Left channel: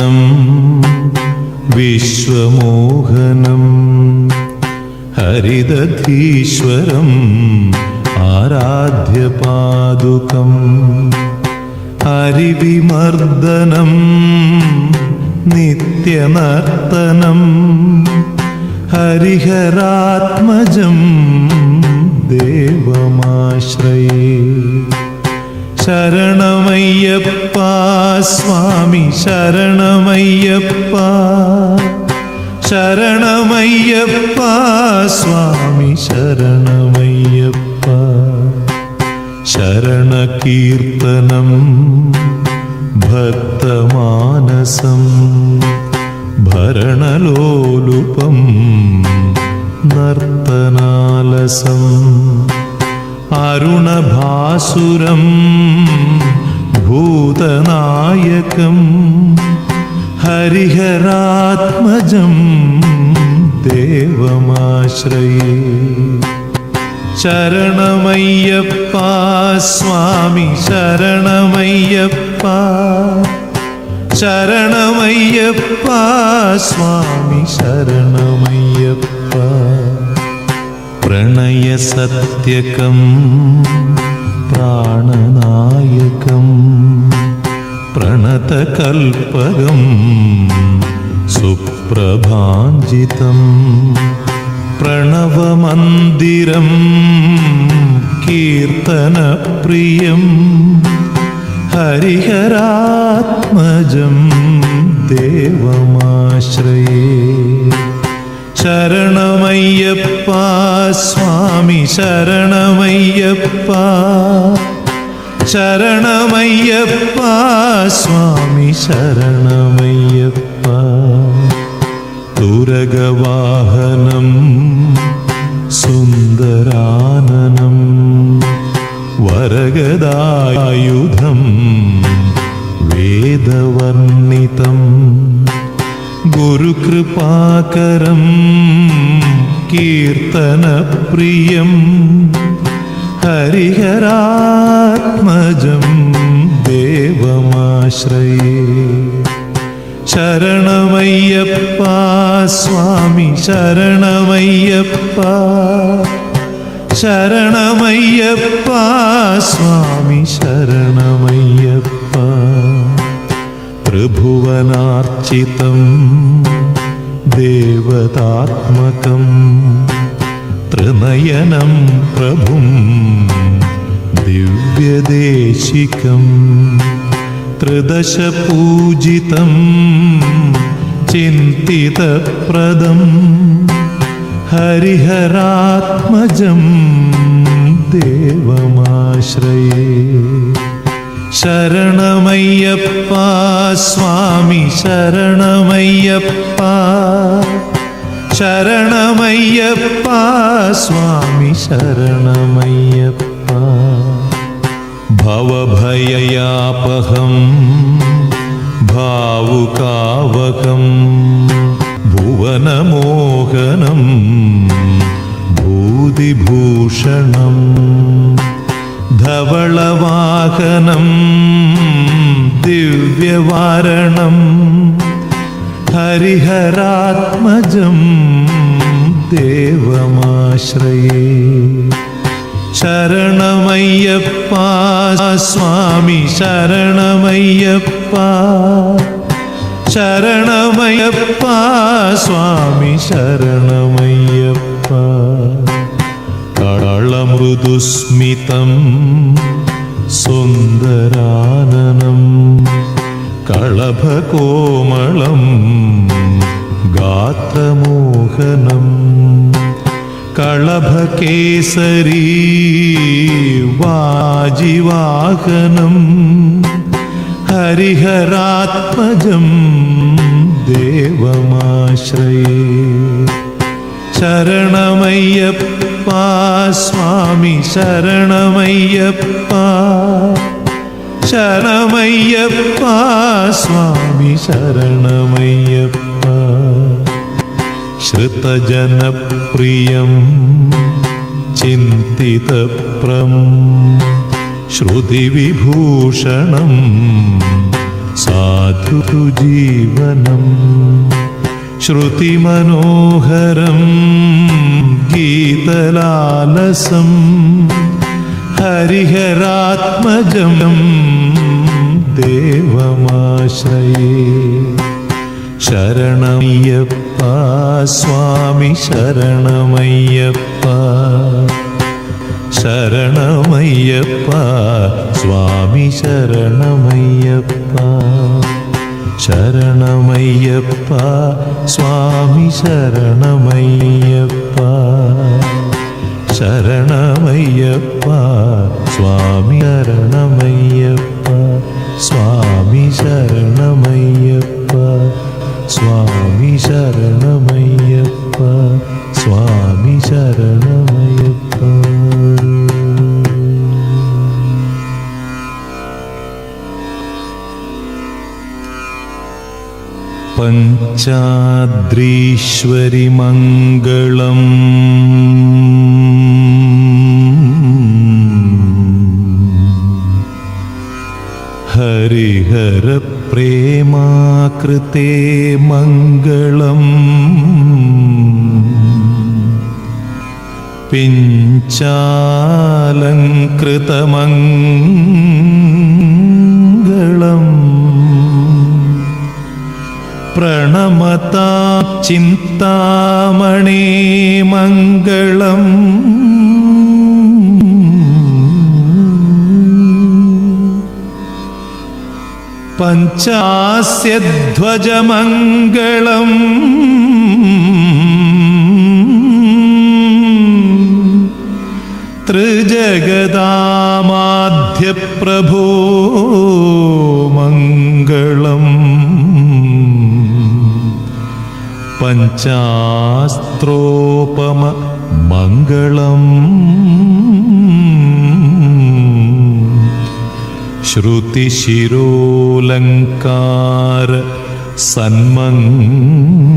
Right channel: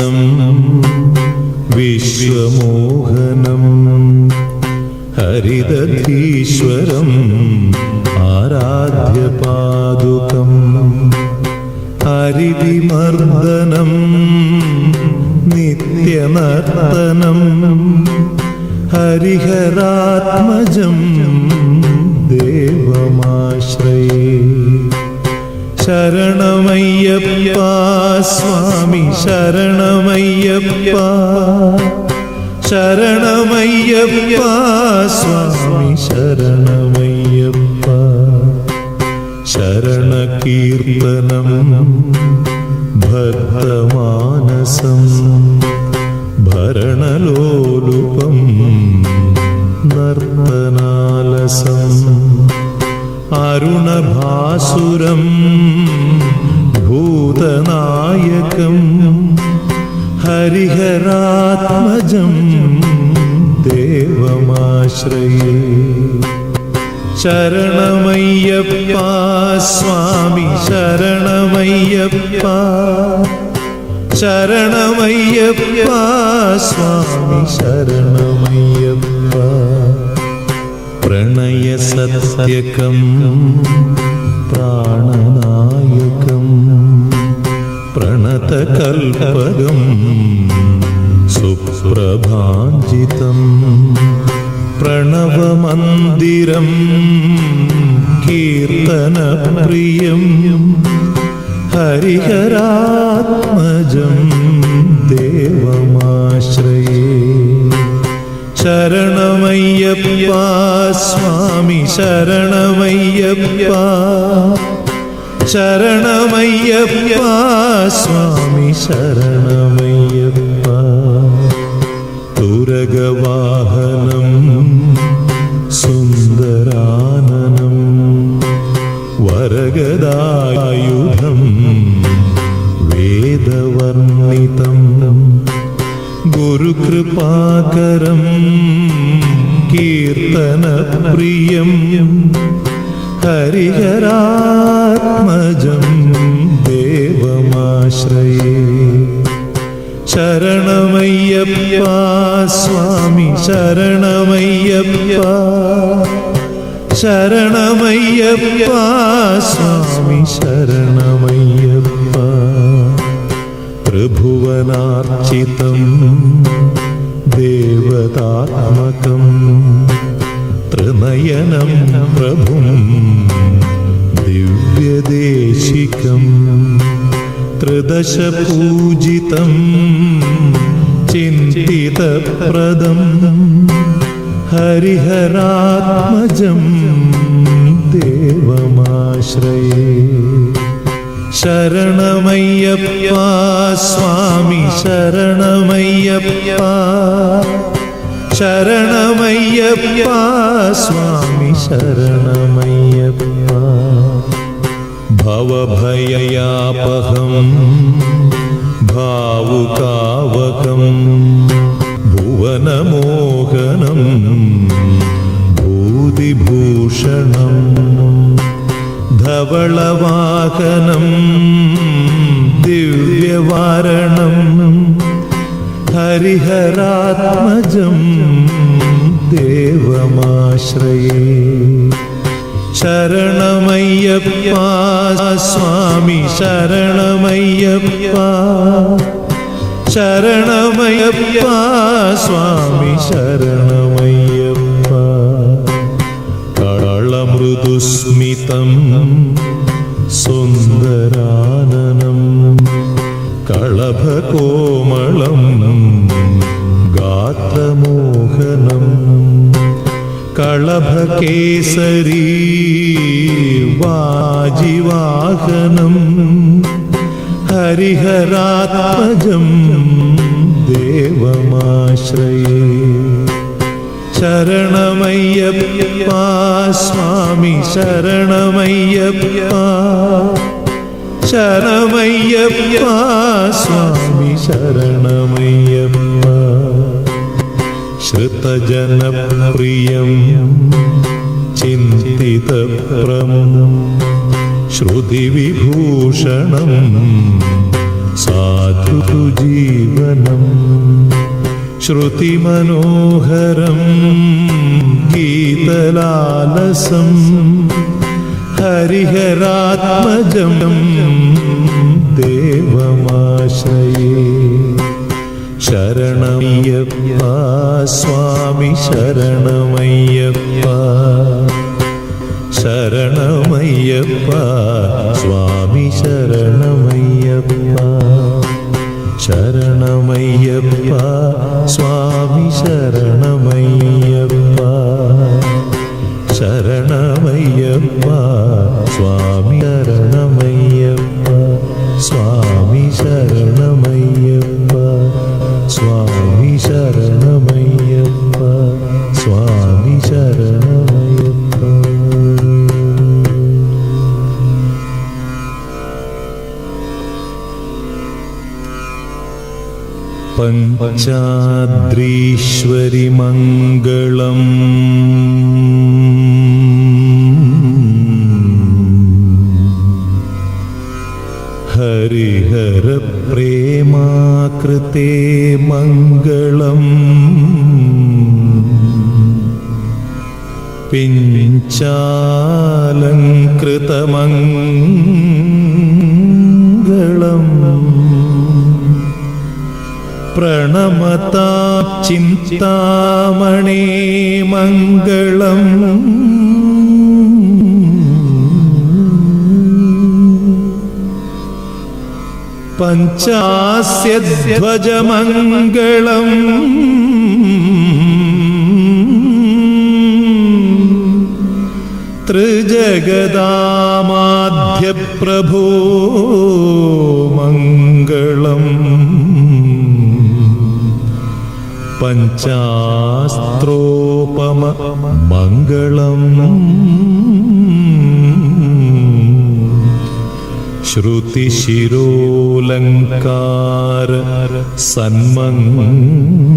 വിശ്വനാശനം വിശ്വമോഹനം ഹരിദധീശ്വരം ആരാധ്യപാദുകം ഹരിവിമർദ്ദനം നിത്യനർത്തനം ഹരിഹരാത്മജം ദേവമാശ്രയേ. ശരണമയ്യപ്പ സ്വാമി ശരണമയ്യപ്പ ശരണമയ്യപ്പ സ്വാമി ശരണമയ്യപ്പ. ശരണകീർത്തനം ഭക്തമാനസം ഭരണലോലുപം നർത്തനാലസം അരുണഭാസുരം ഭൂതനായകം ഹരിഹരാത്മജം ദേവമാശ്രയേ. ശരണമയ്യപ്പ സ്വാമി ശരണമയ്യപ്പ ശരണമയ്യപ്പ സ്വാമി ശരണമയ്യപ്പ. പ്രണയസത്യകം പ്രാണനായകം പ്രണതകൽപകം സുപ്രഭാഞ്ജിതം പ്രണവമന്ദിരം കീർത്തനപ്രിയം ഹരിഹരാത്മജം ദേവമാശ്രയേ. ശരണമയ്യപ്പ സ്വാമി ശരണമയ്യപ്പ ശരണമയ്യപ്പ സ്വാമി ശരണമയ്യപ്പ. തുരഗവാഹനം സുന്ദരാനനം വരഗദായുധം വേദവർണിതം ഗുരുകൃപാകരം കീർത്തനപ്രിയം ഹരിഹരാത്മജം ദേവമാശ്രയേ. ശരണമയ്യപ്പ സ്വാമി ശരണമയ്യപ്പ ശരണമയ്യപ്പ സ്വാമി ശരണമയ്യപ്പ. ത്രിഭുവനാർച്ചിതം ദേവതാത്മകം ത്രിനയനം പ്രഭും ദിവ്യദേശികം ത്രിദശപൂജിതം ചിന്തിതപ്രദം ഹരിഹരാത്മജം ദേവമാശ്രയേ. ശരണമയ്യപ്പ സ്വാമി ശരണമയ്യപ്പ ശരണമയ്യപ്പ സ്വാമി ശരണമയ്യപ്പ. ഭവഭയയാപഹം ഭാവുകാവകം ഭുവനമോഹനം ഭൂതിഭൂഷണം ധവളവാഹനം ദിവ്യവാരണം ഹരിഹരാത്മജം ദേവമാശ്രയേ. ശരണമയ്യപ്പ സ്വാമി ശരണമയ്യപ്പ ശരണമയ്യപ്പ സ്വാമി ശരണമയ്യപ്പ. കളമൃദുസ്മിതം സുന്ദരാനനം കളഭകോമളം ഗാത്രമോഹനം കളഭകേസരീ വാജിവാഹനം ഹരിഹരാത്മജം ദേവമാശ്രയേ. ശരണമയ്യപ്പ സ്വാമി ശരണമയ്യപ്പ ശരണമയ്യപ്പ സ്വാമി ശരണമയ്യപ്പ. ശ്രുതജനപ്രിയം ചിന്തിതപ്രം ശ്രുതിവിഭൂഷണം സാധുജീവ ശ്രുതിമനോഹരം ഗീതലാലസം ഹരിഹരാത്മജം ദേവമാശ്രയേ. ശരണമയ്യപ്പ സ്വാമി ശരണമയ്യപ്പ, ശരണമയ്യപ്പ സ്വാമി ശരണമയ്യപ്പ, ശരണമയ്യപ്പ സ്വാമി ശരണമയ്യപ്പ, ശരണമയ്യപ്പ സ്വാമി ശരണമയ്യപ്പ, സ്വാമി ശരണമയ്യപ്പ, സ്വാമി ശരണമയ്യപ്പ, സ്വാമി ശരണമയ്യപ്പ. പഞ്ചാദ്രീശ്വരി മംഗളം ഹരിഹര പ്രേമാകൃതേ മംഗളം പിഞ്ചാലങ്കൃതമംഗളം പ്രണമതാം ചിന്താമണേ മംഗളം പഞ്ചാസ്യധ്വജമംഗളം ത്രിജഗദാമാധ്യപ്രഭോ മംഗളം പഞ്ചാസ്ത്രോപമ മംഗളം ശ്രുതിശിരോലങ്കാര സന്മംഗളം